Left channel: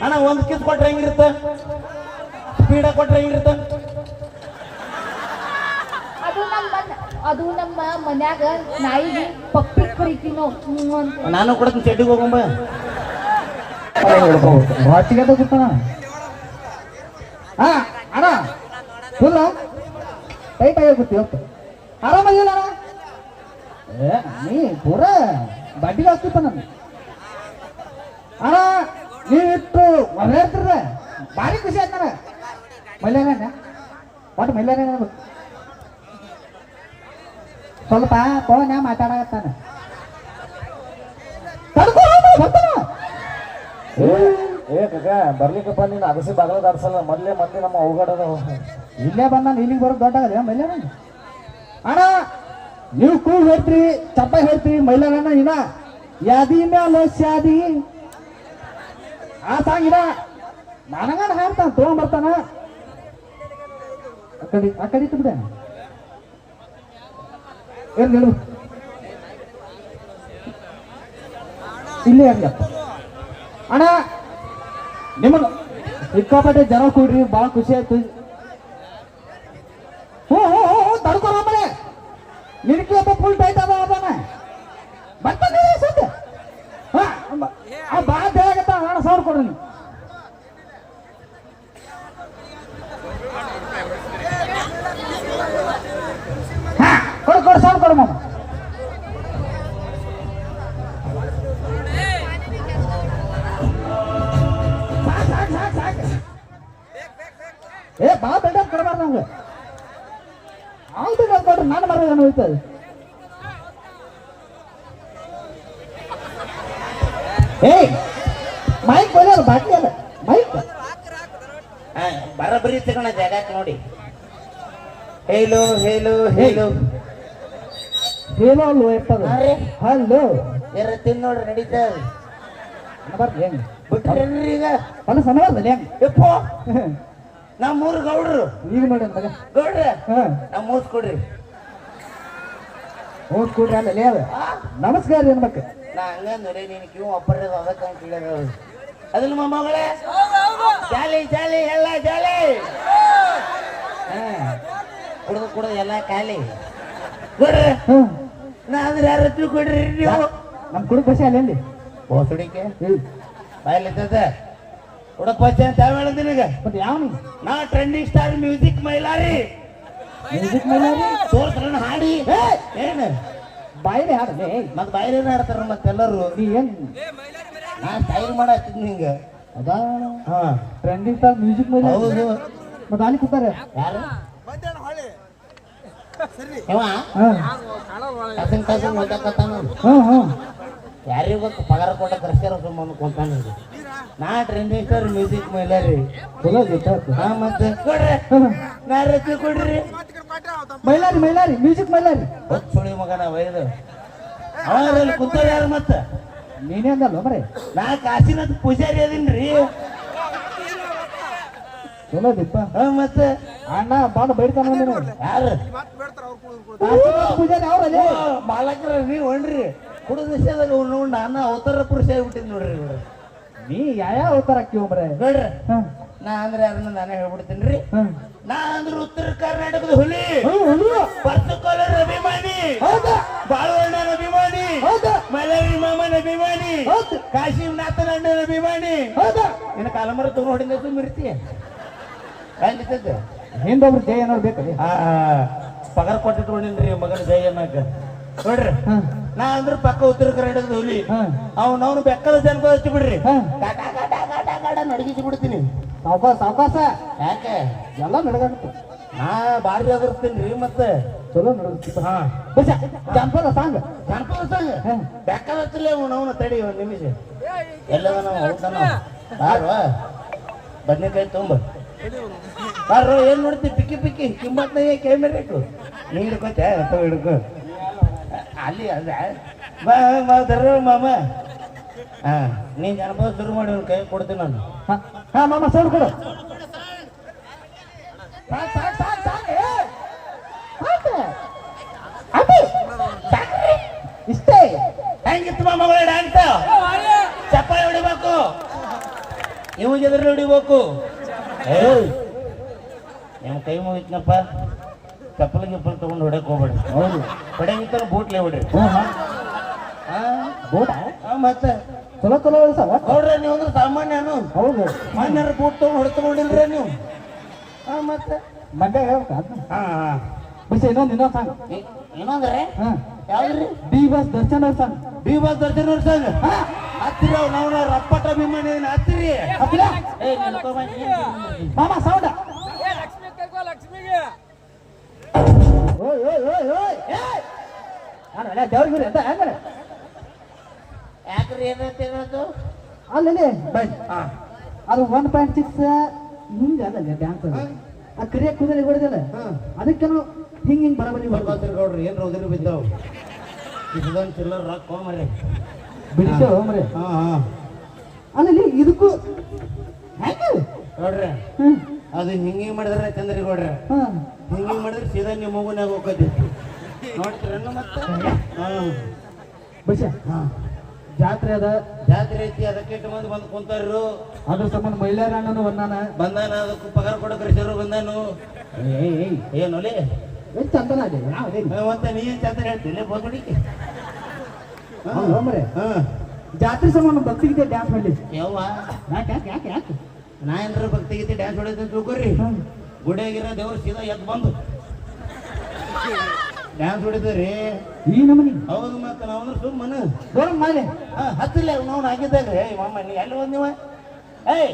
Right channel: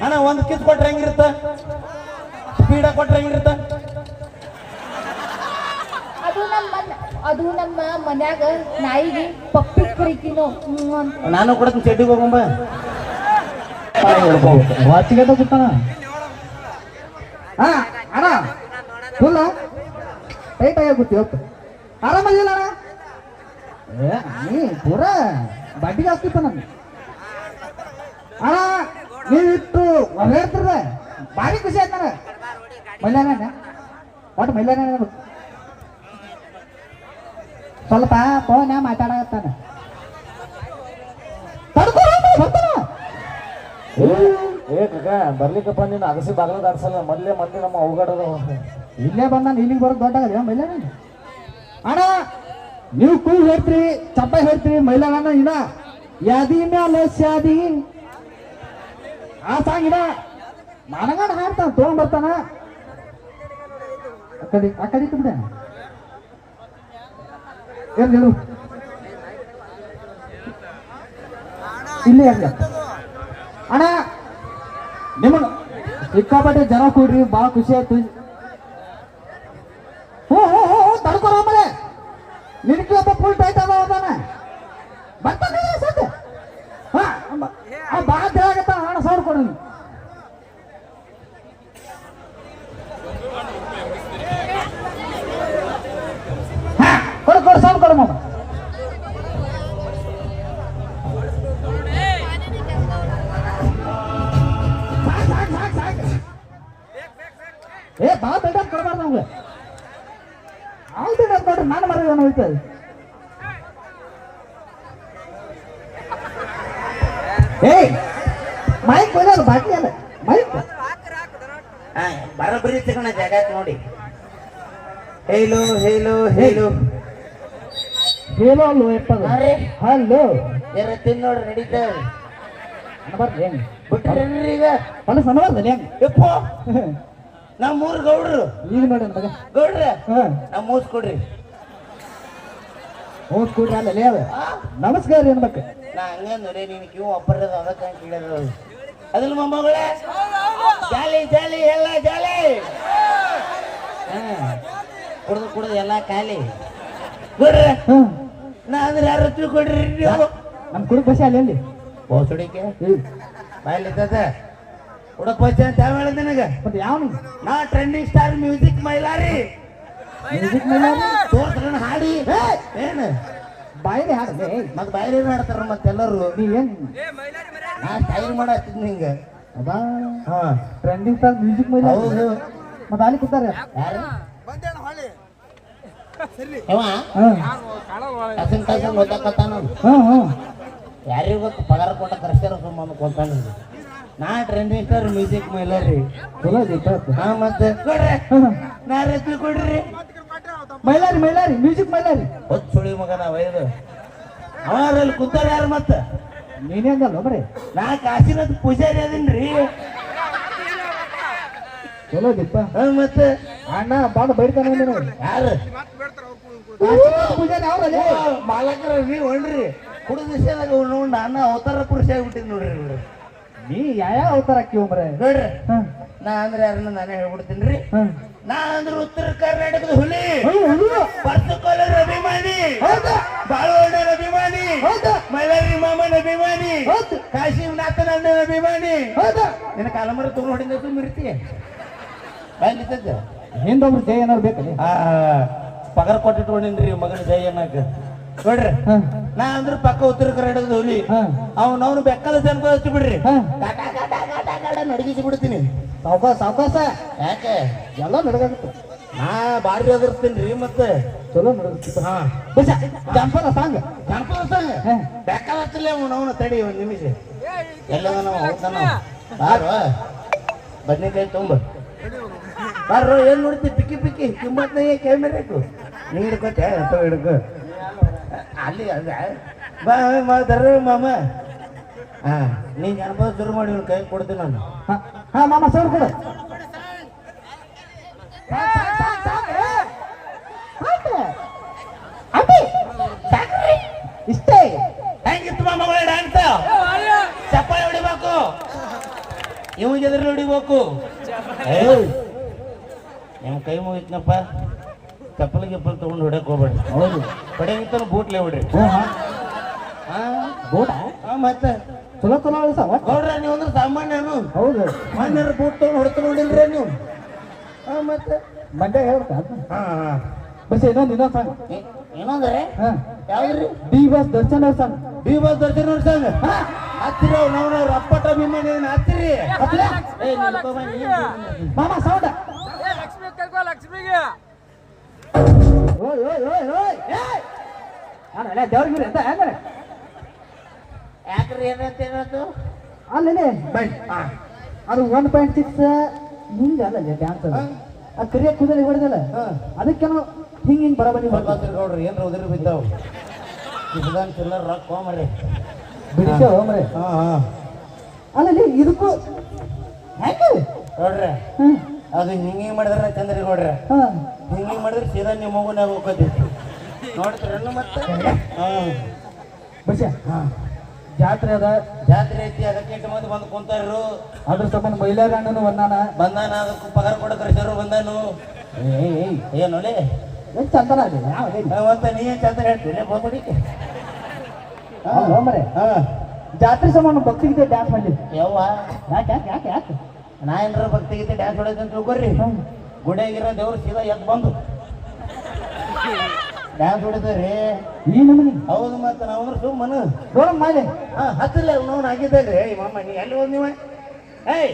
ಅಣ್ಣ ಒಂದು ಕಿಸ್ ಕೊಟ್ರೆ ಹೆಂಗಿರುತ್ತ? ಸ್ಪೀಡ ಕೊಟ್ರೆ ಹೆಂಗಿರುತ್ತ? ಅದು ನಮ್ಮ ಅದು ನಮ್ಮ ಮನ್ಯಾಗ ನಾಯಿಗೆ ಪಪ್ಪಿ ಕರಿತೀನೋ ನಾನು ಕೂಡ ಚೆಡ್ಡಿಗೆ ಹೋಗಂಬ ವಾಚಿಗೆ ಕೂತಾನ ಹಾ ಅಣ್ಣ ಫುಲ್ಲ ಟೈಟ್ ಆಗಿ ಕೂತಿ ಆರಾಮ ಆರಾಮದಿಲ್ಲ ಅಣ್ಣ? ಏ ನೀ ಪೂರ ಬಡ್ಡಿಗೆ ಹಾಕ್ತಿಪ್ಪ ನಾನು ಅಣ್ಣ ನೀವಿಟ್ಟು ಒಳ್ಳೆ ಇರ್ತಿರ್ರೆ ಭಾರಿ ಖುಷಿ ಆಯ್ತು ನನಗೆ ಮಲ್ಯಾನ ಒಟ್ಟು ಮಲ್ಯಾನ ಸ್ವಲ್ಪ ಫೋನ್ ಬರ್ತಾನ ಏ ಬರ್ಲಿಕ್ಕಪ್ಪ ನೀನು ಅಗಸಿ ಬಾಗಲ ದಾಡ್ಸಲ್ಲ ಮೊದ್ಲೇ ಮಂದಿ ನಮ್ಮ ಅವಘಡದ ಇಲ್ಲೇ ಬಂದ ಇಲ್ಲಿಗೆ ಬರೋದು ದೊಡ್ಡ ಮೈಲಾನ ಅಣ್ಣ ನೀವು ಕೂಗ್ ಹೇಳ್ತೀರಿ ಚಪ್ಪ ಹೇಳ್ತೀರಿ ಮೈಲಾನ ಇದ ಯಾದಿ ಮ್ಯಾಲ ಶಾದಿ ಆ ಸಾಂಗ್ ಇದ ನನಗಣ ಹಾಡ್ತಾನ ತೊಗೊಂಡ್ ಬರ್ತಾನ? ಅಕ್ಕಡಿ ಅಕ್ಕಡಿ ಬಿಡ. ಇರ್ಲಿ, ಇರು. ಇಲ್ಲೇ ಅಣ್ಣ ನಿಮ್ಮ ಸಿಕ್ಕಾಪಟ್ಟೆ ಜನ ಕೂಡ್ರಿ, ಭಾಳ ಖುಷಿ ಆಯ್ತು ಹ್ಞೂ ಹ್ಞೂ ಹ್ಞೂ ಹ್ಞೂ ತಡ್ಕೊಳ ಆಮೇಲೆ ನಿನಗೆ ಒಬ್ಬ ಫುಲ್ ಟೈಟ್ ಅದ ಅದಾನ ಬರ್ತಾನೆ ಸದ್ಯ ಹಾಂ ಭಾಳ ಆಗತ್ತ ಅಣ್ಣ ಸೌಂಡ್ ಕೊಡು ನೀನು. ಹಾ, ಕೊಡು ಕೊಡು ಸೌಂಡ್ ಕೊಡು ಮಾಮ ಸಾಕ್, ಸಾಕ್, ಸಾಕ್, ಸಾಕ್. ಏ ಬಾ ಬೇಡ ಕೊಡಬಾರ್ದು ನಮ್ಗೆ ಅವ್ನು ಬೇಡ ಕೊಡ್ರಿ ನಾನು ಮರ ಹೋಯ್ತದೆ ಏಯ್ ಮೈಕ್ ಕೊಯ್ಯಲ್ಲ ಬಾಕಿ ಅಲ್ಲ ಮೈಕ್ ಬರಬರಿ ತಿರ್ಣ ಹೇಳು ಹೇಳು ಹೇಳು ಹೇಳೋ ಅಲ್ಲೋ ಎಪ್ಪದ ಅರೆ. ಹಲೋ ಬೇರೆ ತಿನ್ ನೋಡ್ರಿ ನಡೀತಾ ಬರ್ರಿ ಹೆಂಗ್ ಈಗ. ಹೊಲ ಸಣ್ಣವಲ್ಲ ಹೆಂಗ್ ಯಪ್ಪೋ ನಮ್ಮ ಮೂರು ಗೌಡ್ರು. ಈಗ ನೋಡಿ ಮಗ ಗೌಡ್ರ ಹಾ. ನಮ್ಮ ಮೂಸ್ ಕೊಡ್ರಿ. ಹೋಗ್ ಕೂಡ್ರಿ ಅಲ್ಲ ಅದು. ನಮಸ್ಕಾರ ಏನ್ಬೇಕು ನಾ ಹಂಗ ನೋಡಿ ನೀನು ಕ್ಯೂ ಅಪ್ಪರದ ಅದಕ್ಕೆ ಅಂತ ಹೇಳಿದ್ರು ಅದಿಲ್ಲ ಮೊಮ್ಮಗಳೇ ಜಾಲಿ ಜಾಲಿ ಎಲ್ಲ ಜಾಲಿ. ಕುಡ್ದು ಕುಡ್ದು ಎಲ್ಲ ಖಾಲಿ. ಹ್ಮ್. ನಾ ಅಂದ್ರೆ ಯಾರು ಕೊಡ್ರಿ ನೀವು? ನಮ್ಮ ಕುಡುಕ್ ಬಸಿ ಅಲ್ಲಿ ಹೋಸಡಿಕೆ ಬಾಯಲ್ಲಿದ್ದ ಬಾಯಲ್ಲಿದ್ದ ಉಡಪ್ಪ ಅಂತ ಯಾವ ಹೇಳಿದ ನಿನಗೆ? ಮತ್ತೆ ಯಾವ ನಾ trending star music Mailari. Music Mailari? ತೋರ್ಸ್ರನ್ ಹಾಡಿ. ಏನು? ಬಾಯಿಲೆ ಹಾಡಲೇ ಮತ್ ಬಾಯಿಲೆ ಮಾಡ್ತಾರ ಮತ್ತೆಲ್ಲರೂ? ನೀ ಏನ್? ನಾ ಸ್ಟೈಲ್ ಮಾಡತ್ತಿದ್ ನಿಂಗ. ಅದಾ? ಹಾ. Trending star music Mailari. ಹೌದು. ಮತ್ತೆ ಅಲ್ಲಿ ಕೂತಾರೆ? ಯಾರು? ಯಾರಿಗೂ ಪಗಾರ ಕೊಟ್ಟ ಕರ್ಸ್ಕೊಂಡು ಬಂದು ಕೊಡ್ತಾನೆ ನಾ ಟ್ರೆಂಡಿಂಗ್ ಸ್ಟಾರ್ ಮ್ಯೂಸಿಕ್ ಮೈಲಾರಿ ಚಲೋ ಐತೆ ಹಾ ಮತ್ತೆ? ಕೊಡ್ರಿ. ಕೊಡ್ರಿ. ಮೈಲಾರಿ ಮೈಲಾರಿ ಮ್ಯೂಸಿಕ್ ಮೈಲಾರಿ. ಹೊತ್ತು ಸುಳಿ ಮಗನ ವೈದು ಅವನಲ್ಲಿ ಕುಂತ ಯಾರು ಮತ್ತೆ? ನೀನೇ ಅಂದಲ್ಲ ಬರೀ ನಾ ಕಾಶಿನಾಥ್ ಪೂಜಾರಿ ಅದೀನ್ರಿ. ಚಲೋ ಐತಿಪ್ಪ ಹಾ ಮತ್ತೆ? ಅಣ್ಣ ಬಾಡ ಬೈಡ್ತಾನ ಯಾರು? ಮಾಲಕರ ನೀವು ಹೊಣ್ರಿ ಕುಡಿದ ವಿಷಯದಾಗ ನಾನು ಅವತಾರ ಪುರುಷ ಆಗಿಬಿಟ್ಟಿದ್ ನೋಡ್ರಿ. ನೀ ಯಾವ ಅವತಾರ ಹಾಕಿವ್ರೆ ನೋಡ್ರಿ. ನಾ ಅಂದ್ರೆ ಯಾರನ್ನ ನಾನೇ ಹೇಳ್ಬಿಡ್ತೀನಿ ನಾ ಅಂದ್ರೆ ಉತ್ತರ ಕರ್ನಾಟಕದ ಹುಲಿ. ಪತ್ತುಕೋಲರ ಅಭಿಮಾನಿ? ಬಾಳವಣ್ಣನ ಅಭಿಮಾನಿ? ಮೈಲಾರಿ ಮಾಮನ ಅಭಿಮಾನಿ. ಕಾಶಿನಾಥನ ಅಣ್ಣನ ಅಭಿಮಾನಿ. ನಿನ್ನ ಕಾಲಮರ ತುಂಬ ಹೊಡಿದ ಮಿರ್ತೀಯ ಬಂದಿದ್ದದ್ದು. ಹಿಂದೊಬ್ರು ಜಯ ಏನಾದ್ರು ಬೇಕಲ್ಲಿ? ಆ ಪಗಾರ ಕೊಟ್ಟಿಟ್ಕೊಂಡಿನ್ರಿ ಮಗನ ಜೈ ಅನ್ನಕ. ನೋಡ್ರಿ ನಾ ಅಂದ್ರೆ ಪಕ್ಕ ಉತ್ತರ ಕರ್ನಾಟಕದ ಹುಲಿ. ಅವನವನು ಬೆಕ್ಕದ ಜನಪದ ಹಚ್ಚಿ ಬಿಡ್ರಿ. ನಡಗಿಸಿ ಬಿಡ್ತೀನಿ. ಸಾವಕಾಶ ಸಾವಕಾಶ ಯಾಕೆ? ಎಲ್ಲ ನಡಗಾಡ್ತು ನಾ ಬಾರಿ ರೀ ಮತ್ತೆ. ಚಲೋ ನಡ್ದಾಗುತ್ತೆ. ಹಾ. ಜಂಪದ ಸಾಂಗ್. ಜಾನಪದ ಸಾಂಗ್. ಬೆಕ್ಕದ ಬೆಕ್ಕಲ ಹಚ್ಚಲೇ ಅವನವನ ತಡಿ ಒಂದು ನಿಮಿಷ. ಎಲ್ಲ ನಾವು ಬನ್ನಿ ಕೈ ಬದ್ನೆಕಾಯಿ ತೊಂಬ ಬಾರ ಏನ್ ನೋಡ್ತಿ? Picky picky. ಕಿಮ್ಮತ್ನ ಕೇಳಿರ್ಬೇಕು ನೀ ಹಿಡ್ಕೋತೆ ಅಂತ ಹಿಡ್ಕೊ? ಅಲ್ಲಿ ಅಲ್ಲ ಬಾ ಮಾತಾರ ಮಾಮ. ಹಾ ನೀನ್ ಜನಪದ ಶುರು ಮಾಡಿ ಒಂದು ಕೈ ಕೊಡ್ತೀನಿ ನಾನು. ಹಾ ಹಾ ಮಾಮ ಸರ್ ಕೊಡು. ಇಷ್ಟೇ. ಹೆಂಗಿತ್ತು ಮಾಮ ಡ್ಯಾನ್ಸ್ ಚಪ್ಪಾಳೆ ಹೊಡಿಬೇಕು. ಇವಾಗ ಎದುರು ಹೊಡಿಬೇಕು. ನಿಮ್ಮ ಕೈ ಮುಗಿತ್ನಪ್ಪ. ಚಪ್ಪಲ್ ಗಿಪ್ಪಲ್ ತಗೊಂಡು ಹೊಡಕ್ ಹೋಗ್ಬೇಡಿ. ಹೌದು ಕಡೆ ಕಡೆಗಿತ್ತಲ್ಲ ಬೂಟ್ಲೆ ಬಿಡ್ರಿ. ಬೋಟ ಮತ್ತೆ? ಚಲೋ ಚಲೋ ಸಲ. ನೋಡ್ರಿ ನೀವು ಅಂದ್ರೆ ಸಾಮಾನ್ಯನು. ಹೌದು. ಮಾನ್ಯರ ಬೂಟ್ ತಗೊಂಡು ಹೊಡ್ತು ನೋಡಿಲ್ರಿ ನೀವು. ಹಾ ಮತ್ತೆ? ಮಂಡ್ಯ ಅದನ್ನ ಹಾ ಹಾ. ಬಸ್ ಇನ್ನೊಂದು ಇನ್ನೊಂದು ಸಾಂಗ್. ಇನ್ನೊಂದ್ರೆ ಹಾ. ಯಾವ್ದ್ರಿ? ಬಿ ಬಾಸ್ ದರ್ಶನ್ ಅವ್ರ ಸಾಂಗ್. ಡಿ ಬಾಸ್ ದರ್ಶನ್ ಅವ್ರ ಸಂಘ ಹತ್ತಿರ ನಾವು ರಪ್ಪಟ ಅಭಿಮಾನಿ ಹತ್ತಿರಿ? ಮಾಮ ಸೌಂಡ. ಲಕ್ಷ್ಮಿ ಕರ್ಕೋ ಲಕ್ಷ್ಮಿಗೆ. ಓಯ್ ಓಯ್ ಓಯ್ ಓಯ್ ಅಲ್ಲ ದೇವ್ರಿಗೆ ಅಂತ ಹೆಂಗ ಯಾಕ್ರಿ ಏನಂತ ಏನದು ಅಲ್ಲಿ ಬೈ ಅದು ಒನ್ ಪಾಯಿಂಟ್ ಸಿಕ್ಸ್ ಹಿಂಗೆ ಅಲ್ಲ ಡ್ಯಾನ್ಸ್ ಆ ಕರಿಯ ಕುದುರೆ ಹೊಡೆದಿಲ್ಲ? ಹಾ. ಅದಕ್ಕೇನು ಹಿಂಗೆ ಹಿಂಗೆ ಬಡಬಡಿ ಗೌಡ್ರು ಏನ್ರ ಉದುರು ಬಿದ್ದಾವು. ಇದ್ದಂಗೆ ಚಿಲ್ಲರ್ ರೊಕ್ಕ ಹೋಮರಿ ಬಿಡಿಸೋ ಮರೆ. ಹಾ ಹಾ. ಅಲ್ಲಿ ಇದಕ್ಕೂ ಹೆಂಗೆ ನೋಡ್ರಿ ಅದು ಹಿಂಗೆ ಮಾಡಿದ್ರೆ ಚಂದ್ರಿ ನೋಡ್ರಿ. ಹಿಂಗೆ ಮಾಡಿದ್ರೆ ಸೀದಾ ನಿಮ್ಮ ಮಗುನಾಗ ಹೋಗೋದಿ ನೋಡ್ತೀರೇನು ಮತ್ತೆ? ಹಾ. ಬಸ ಹಾ. ಜಾತ್ರೆ ಅದ. ಜಾತ್ರೆ ಐತಿ ಅದಕ್ಕೆ ಇಟ್ಟು ಮಂದಿ ಬಂದು ಕುಂತಾರು ಅದ್ರ ಸಂಬಂಧ ಮಹಿಳಾ ಗಂಡನು ಬಂದಾನ? ಬಂದಾನ ಅದಕ್ಕೆ ಪಗಾರ ಕೊಡಕ್ರಿ ಕಳಿಸ್ಯಾರು ಬಂದಾನು. ಏನು ಚಂದನ ಅದೇ? ಯಾವ್ದೇ ಹಾ, ಮತ್ತೆ ನೀ ಚಂದ್ರ ಹೇಳ್ತೀನಿ ಬೋಸಡಿಕೆ ಜಾತ್ರೆ ಸಂಬಂಧ ಭಕ್ತಿಗೀತೆ ಡ್ಯಾನ್ಸ್ ಮಾಡಲಿ. ಯವ್ವ? ಯಾಕೆ ಯಾಕೆ ಯಾಕೆ ಯಾಕೆ? ನಾ ಏನ್ರ ಭಕ್ತಿ ಗೀತೆ ಡ್ಯಾನ್ಸ್ ಹೊಡೆದ ಅಂತ ತಿಳ್ಕೊರಿ. ಗುಡಿಯಾಗಿರೋ ದೇವ್ರು ಸೀದಾ ಎದ್ದು ಬಂದು. ಡ್ಯಾನ್ಸ್ ಹೊಡಿತೀರಿ ಈ ನಮನಿ. ಹೌದು ಮತ್ತೆ ನಾವಂದ್ರೆ ಸುಮ್ಮನ ನೋಡೋಣ ಮಾಲೆ. ಹಾ ಹತ್ತಿಲ್ಲ ನೋಡ್ ಆಗಿದ್ದಾಗ ಏಯ್ ಮಾಮ ನೀ ಎಲ್ಲಿ ಹೋದ್ ನೀವ? ಏಯ್.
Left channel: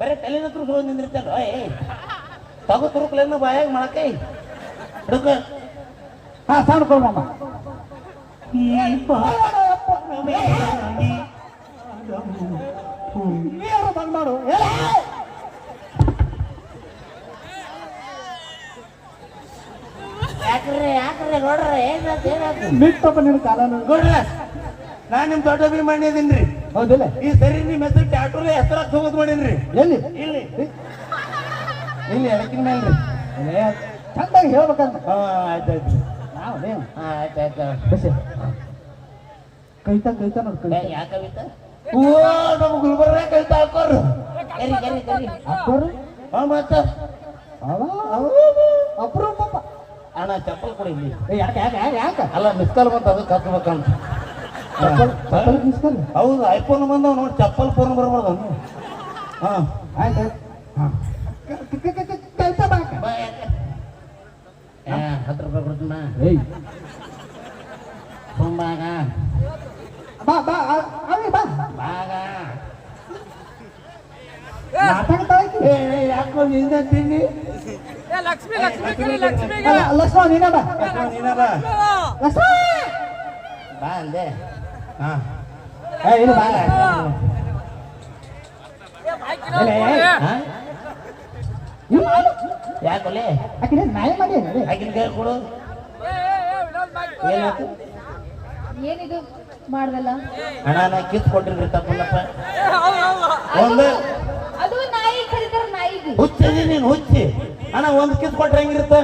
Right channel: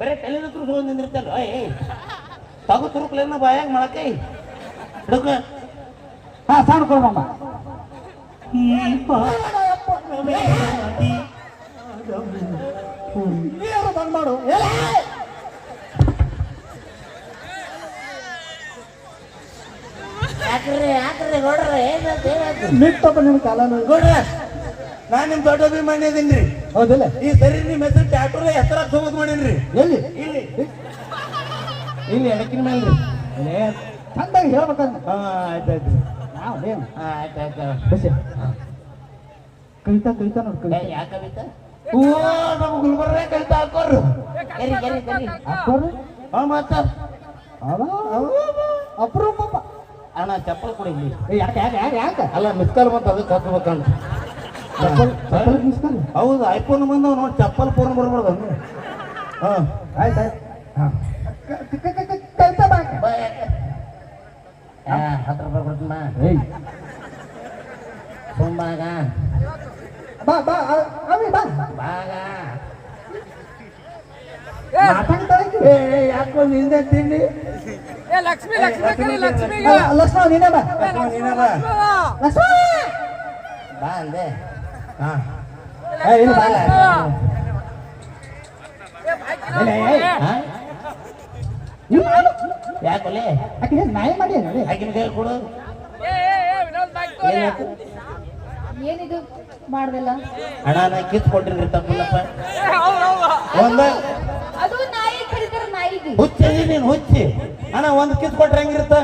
ಬರೀ ತಲೆ ತುರ್ಸು ಹೋಗಿ ನಿಂದಿರ್ತಲ್ಲ ಏಯ್ ತಗೋ ತುರುಕ್ಲೇನು ಬಾಯಾಗ ಮಾಡಕ್ಕೆ ಹಿಡ್ಕ. ಹಾ ಸಾಂಗ್ ಕೊಡಮ್ಮ ಬಂದ್ ಮಾಡು ಏ, ಯಾಕ್ರೆ ಯಾಕ್ರೆ ನೋಡ್ರ ನಿನ್ ನಿಮ್ಮ ದೊಡ್ಡ ಅಭಿಮಾನಿ ಹೌದಿಲ್ಲ? ಈ ಸರಿ ನಿಮ್ಮ ಹೆಸರು ಟ್ಯಾಟೂರ ಹೆಸರ ಹೋಗೋದು ಮಾಡೀನ್ರಿ ಎಲ್ಲಿ? ಇಲ್ಲಿ. ಇಲ್ಲಿ ಎಣಕಿನ ಮೇಲ್ರಿ. ಚಂದಾಗಿ ಹೇಳ್ಬೇಕಂತ. ಹಾ ಆಯ್ತಾಯ್ತು ಯಾವ್ದೇ ಆಯ್ತು ಆಯ್ತು ಬಸ್ಸೆ ಕೈತ ಕೈತ ನೋಡ್ ಏ, ಯಾ ಕವಿತಾ? ಓ ನಮ್ಮ ಗುಲ್ಬರ್ಗ ಕವಿತಾ ಹಾಕೋರು ಕರಿ ಕರಿ ಕರಿ ಅಪ್ಪರು ಹಾ ಮತ್ತ ಅಪರೂಪ ಅಣ್ಣ ಚಪ್ಪಲ್ ಕೊಡಿ ಯಾಕೆ ಯಾಕೆ ಯಾಕೆ ಯಾಕೆ ಅಲ್ಲ ಮಿಸ್ಕಾಲ್ ಬಂತ ಅದಕ್ಕೆ ಹತ್ಬೇಕಂತ ಚಪ್ಪಲ್ ಚಪ್ಪಲ್ ಮಿಸ್ಕಲ್ ಹೌದು ಐಫೋನ್ ಬಂದ ನೋಡಿ ಚಪ್ಪಲ್ ಫೋನ್ ಬರ್ಬಾರ್ದು ಹಾ ಆಯ್ತು ಆಯ್ತು ಹಾ ಕೈತ ಬಾ ಬಾ ಯಾಕೆ ಹಾ ಹತ್ತು ರೂಪಾಯಿ ಕೊಡ್ತೀನ ಏಯ್ ಸೋಮಬಾಗ ಬಾ ಬಾ ಅ- ಅವಿ ಬಾ ಬಾಗ ಮಾತಾಡ್ತಾ ಇದ್ದಿ. ಏ ಏ, ಯಾಕೋ ನಿಂದೆ ತಿಂಡಿ ಏ ಲಕ್ಷ್ಮಿ ಲಕ್ಷ್ಮಿ ಕರಿ ಲಕ್ಷ್ಮಿಗೆ ಅಲ್ಲ, ಲಕ್ಷ್ಮಣ ನೀನೇ ಬಾ ಏ ಲಕ್ಷ್ಮಿ ನೀನೇ ಬಾ. ಅಂದೆ ಹಾ? ಇಲ್ಲಿ ಬಾ. ಯಾಕೊಲೆ ನಾಯಿ ಮಾಡಿ ನೋಡಿ ಆಕಿನ ಕೈ ಕೊಡು. ಏನಿದು ಮಾಡ್ದಲ್ಲ? ನಾ ಕಿತ್ ಕೊಟ್ಟಿನ್ರಿ ತಪ್ಪಿಲ್ಲಪ್ಪ ಅದು ನಾಯಿ ಕರೀತಾರ ನಾಯಿಗೆ. ಹುಚ್ಚದಿ ನೀನು ಹುಚ್ಚಿ. ಅಣ್ಣ ಒಂದ್ ಕಿತ್ ಕೊಟ್ರೆ ಹೆಂಗಿರುತ್ತ?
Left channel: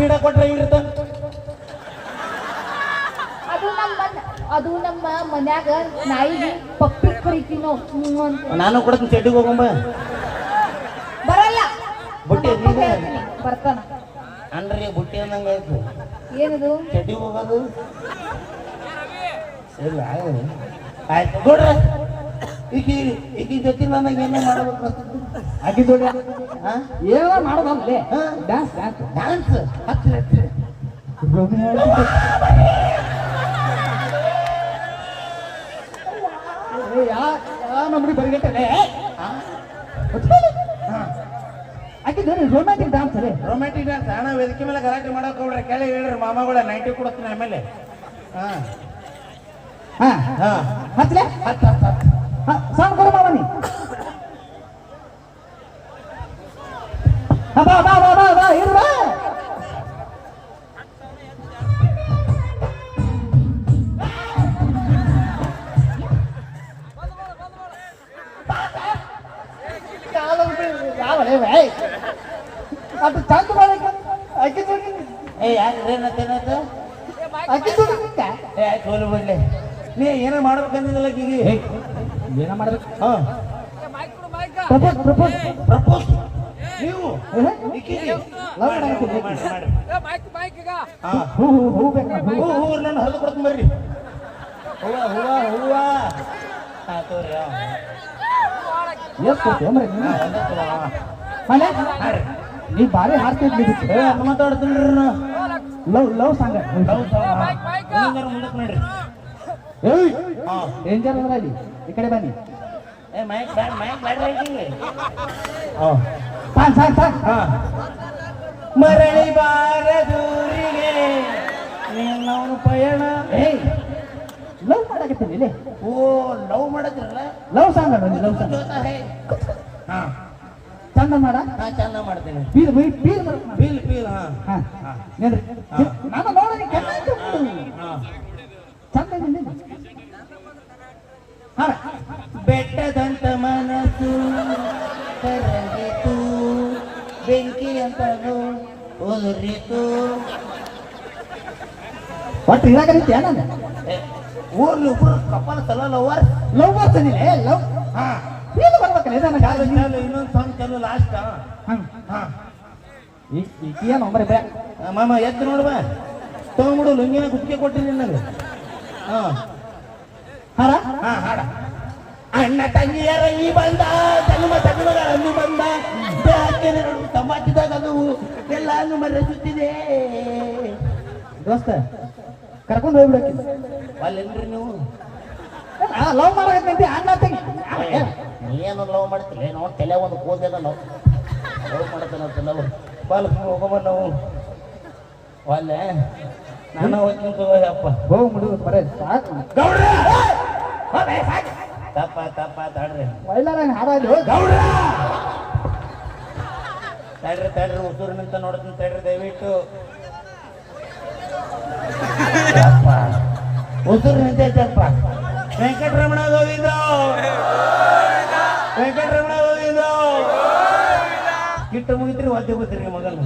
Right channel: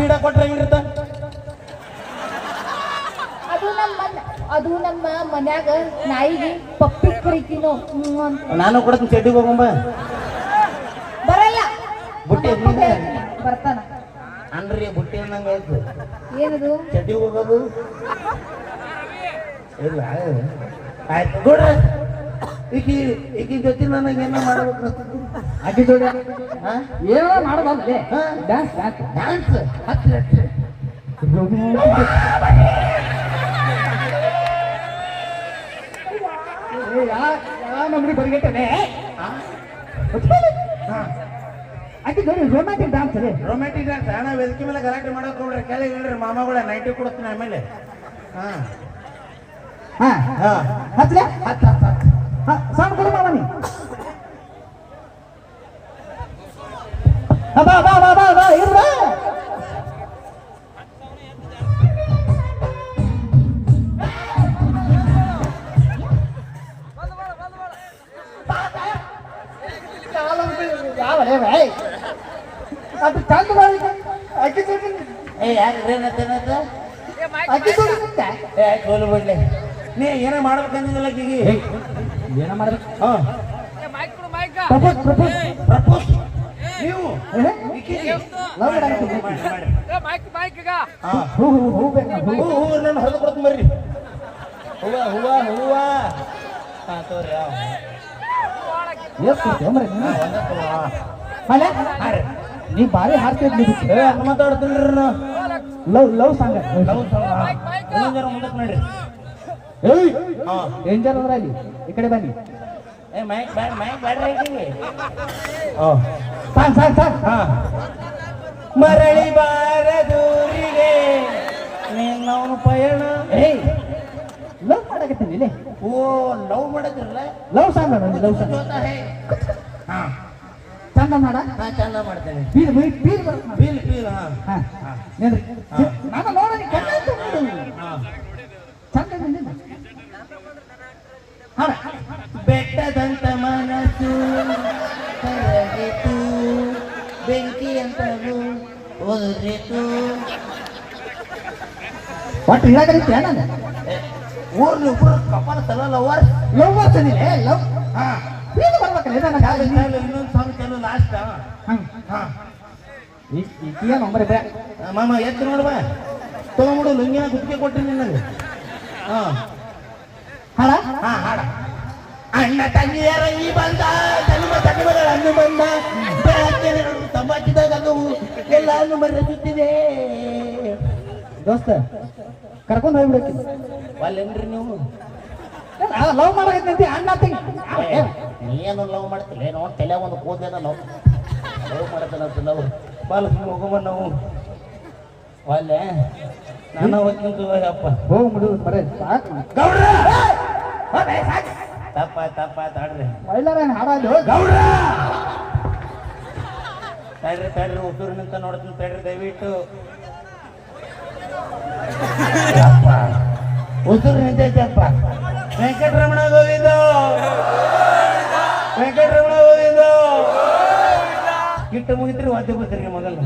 ಸ್ಪೀಡ ಕೊಟ್ರೆ ಹೆಂಗಿರುತ್ತ ಅದು ನಮ್ಮ ಅದು ನಮ್ಮ ಮನ್ಯಾಗ ನಾಯಿಗೆ ಪಪ್ಪಿ ಕರಿತೀನೋ ನಾವು ಅಂತ. ನಾನು ಕೊಡ್ತೀನಿ ಚಡ್ಡಿಗೆ ಹೋಗಂಬ ಬರಲ್ಲ ಬುಟ್ಟಿ ನಮ್ಮ ಬರ್ತಾನ. ಅನ್ರಿ ಬುಟ್ಟಿ ಅನ್ನಂಗ ಆಯ್ತು. ಏನದು? ಚಡ್ಡಿಗೆ ಹೋಗೋದು ಇಲ್ಲ ಆಯ್ತು. ನೋಡ್ರ ಈಕಿ ಈಕಿ ಜೊತೆ ನನಗೆ ಏನೋ ಮಾಡ್ಬೇಕು. ಆಕೆ ಜೋಡಿ ಏನೋ ಮಾಡೋದಲ್ಲೇ ಹಾ? ಡ್ಯಾನ್ಸ್ ಡ್ಯಾನ್ಸ್ ಡ್ಯಾನ್ಸ್ ಹತ್ತು ಲಕ್ಷ. ನಮ್ಗೆ ಬರಿಗೆಟ್ಟನೆ ಆಕೆ ಜೋಡಿ ರೊಮ್ಯಾಂಟಿಕ್ ಡ್ಯಾನ್ಸ್ ರೊಮ್ಯಾಂಟಿಕ್ ಡ್ಯಾನ್ಸ್ ಹಣ ವೇದಿಕೆ ಮೇಲೆ ಗಲಾಟೆ ಮಾಡಕ್ ಹೋಗ್ರಿ ಕೆಳಗೆ ಹೇಳ್ರಿ ಮಾಮಗಳ ನೈಂಟಿ ಕೊಡ್ತೀನಿ ಆಮೇಲೆ ಹಾ. ಹಾ. ಹಾ. ಹತ್ಲೆ ಹತ್ತು ಹತ್ತು ಹತ್ತು. ಹಾ ಸಾಂಗ್ ಕೊಡು ಬಾ ಬಾ ಬಾ ಬಾ ಬಾ ಭಾಯ್ ಅದು ಚಂದ ಮಾಡ್ಬೇಕು ಜೋಡಿ ಏ ಯಾಕೆ ಏ ಬಿಡ್ಲಿ ನೀ ಏನೇ ಮಾಡ್ಬೇಕಂದಿಲ್ಲ ಈಗ ಏನ ಮಾಡ್ಬೇಕು ಹಾ ಪ್ರಪೋಸ್ ಪ್ರಪೋಸ್ ಪ್ರಪೋಸ್ ನೀವು ಈಕಿಗೆ? ಲವ್. ಮಾಡಿ, ಮೈಕ್ ಮೈಕ್ ಈಗ ಹಾ. ಹೂ ಹೂ ಹೂ ಬೇಕು ಹೂ. ಹೂ ಹೂ ನಾನು ಹರಿದು ಕೊಡ್ತೀನಿ ಬರ್ರಿ ಹೂವ ಹೂವ ಹೂವ ಹಾ ತೋರಿ ಎಷ್ಟ್ ಕೊಡ್ತೀಯ ಮಾರ್ರೆ ನೀನು? ಹಾ, ಮನೆ? ನೀ ಬಾರಿ ಹಾಡ್ತಿದ್ದಿ ಏ, ಮಾತಾಡ್ತೀನಿ love love song love song mic mic ಹಿಂಗಾರ ಮಾಡಕ್ ನೋಡ್ರಿ ಏಯ್ ಡೇಂಜರ್ ಅಂದ್ರೆ ಅಲ್ಲಿ ಈ ಕಡೆ ಬನ್ನಿ. ಏ ಮೈಕ್ ಬ್ಯಾಡ ಮೈಕ್ ಬ್ಯಾಡ ಸಾಂಗ್ ಸಾಂಗ್ ಹಾ. ಮರಳಿ ಬಾರದೂರಿಗೆ ನಿನ್ನವನು ಪಯಣ ಏಯ್. ಲವ್ ಮಾಡಕತ್ತೀನಿ ಇಲ್ಲಿ. ಓ ಲವ್ ಮಾಡಿದ್ರಲ್ಲ? ಲವ್ ಸಾಂಗ್ ಅದ ಲವ್ ಸಾಂಗ್. ಹೇ. ಹಾ. ಚಂದ ಮಾಡ. ಚಂದ ಮಾಡ್ತೇನೆ. ಬೀರ್ ಬೀರ್ ಬರ್ತದೆ. ಬೀಲ್ ಬೀಲ್ ಹಾ. ಹಾ. ಇರಾಕರಿತ್ಯ ನಾನು ಊರ್ ನೀವು ಕಪಾಲ ತಲ ಲವರ್ ಲವ್ ಮಾಡ್ತೀನಿ ಲವ್ ಹಾ. ಏನು ಬರ್ಬೇಕಲ್ಲ ನನಗೆ ಇನ್ನೊಂದು ಸಾಂಗ್ ಚಲೋ ಲಾಸ್ಟ್ ಈಗ ನಂಬರ್ ಇದೆ. ಮಾಮ ಎತ್ತು ನೋಡುವ ತಗೊಂಬಿಡು ಲುಂಗಿನ ಗುತ್ತಿಗೆ ಕೊಟ್ಟಿನಿ ನನಗೆ ಹಾ. ಹಾಡ? ಹಾ ಹಾಡ. ಅಣ್ಣ ತಂಗಿಯರ ಈ ಬಂದ ಜನ್ಮ ತಗಮಗಳ ಅನ್ನು ಬಂದ ತಮ್ಮ ಸಮಾಜದಾಗ ಎಲ್ಲಾನು ಮರೆಸುತ್ತಿದೆ ದೋಸ್ತ ಕರ್ಕೊಂಡು ಹೋಗ್ಬಿಡಕ್ಕೆ. ಅಲ್ಲೇನ್ರಿ ನೀವು. ಲವ್ ಮಾಡಕತ್ತಿ ಅಣ್ಣ ತಂಗಿ. ನೀನು ಲವ್ ಮಾಡ್ತಿಲ್ಲ ನೋಡಿ ತಲೆ ಒಂದು ಕೂದೇನ ಲವ್ ಲವ್ ಮಾಡ್ತೇನೆ ಅಂತ ನಾವು. ಬಾಲ ಹೋಗೋಣ ನಾವು. ಅಲ್ಲೇ ನಾನು ಹೋಗ್ತೀನಿ ಅಪ್ಪ ಹೋಗ್ಬಿಡು ಬರೇ ಸಾಕು. ಗೌಡ್ರ! ತಪ್ಪ ತಪ್ಪ ತಾಡ್ರಿ. ಒಳ್ಳೆ ನಾನು ಹಾಡೋದು ಗೌಡ್ರ! ತಡ್ರಿ ತಡ್ರಿ ಉಸುರು ನಿಂತ ನೋಡ್ತೀನಿ ತಡ್ರಿ ದಯವಿಟ್ಟು. ಉಸುರು ನಿಂತೈತಪ್ಪ ವೆಂಕಟರಮಣ ಗೋವಿಂದ. ವೆಂಕಟರಮಣ ಗೋವಿಂದ. ಕಿಟ್ಟು ಮುಗಿತ್ರಿ ವಾದ್ಯ ಗೊತ್ತಿರಿ ಮಗನ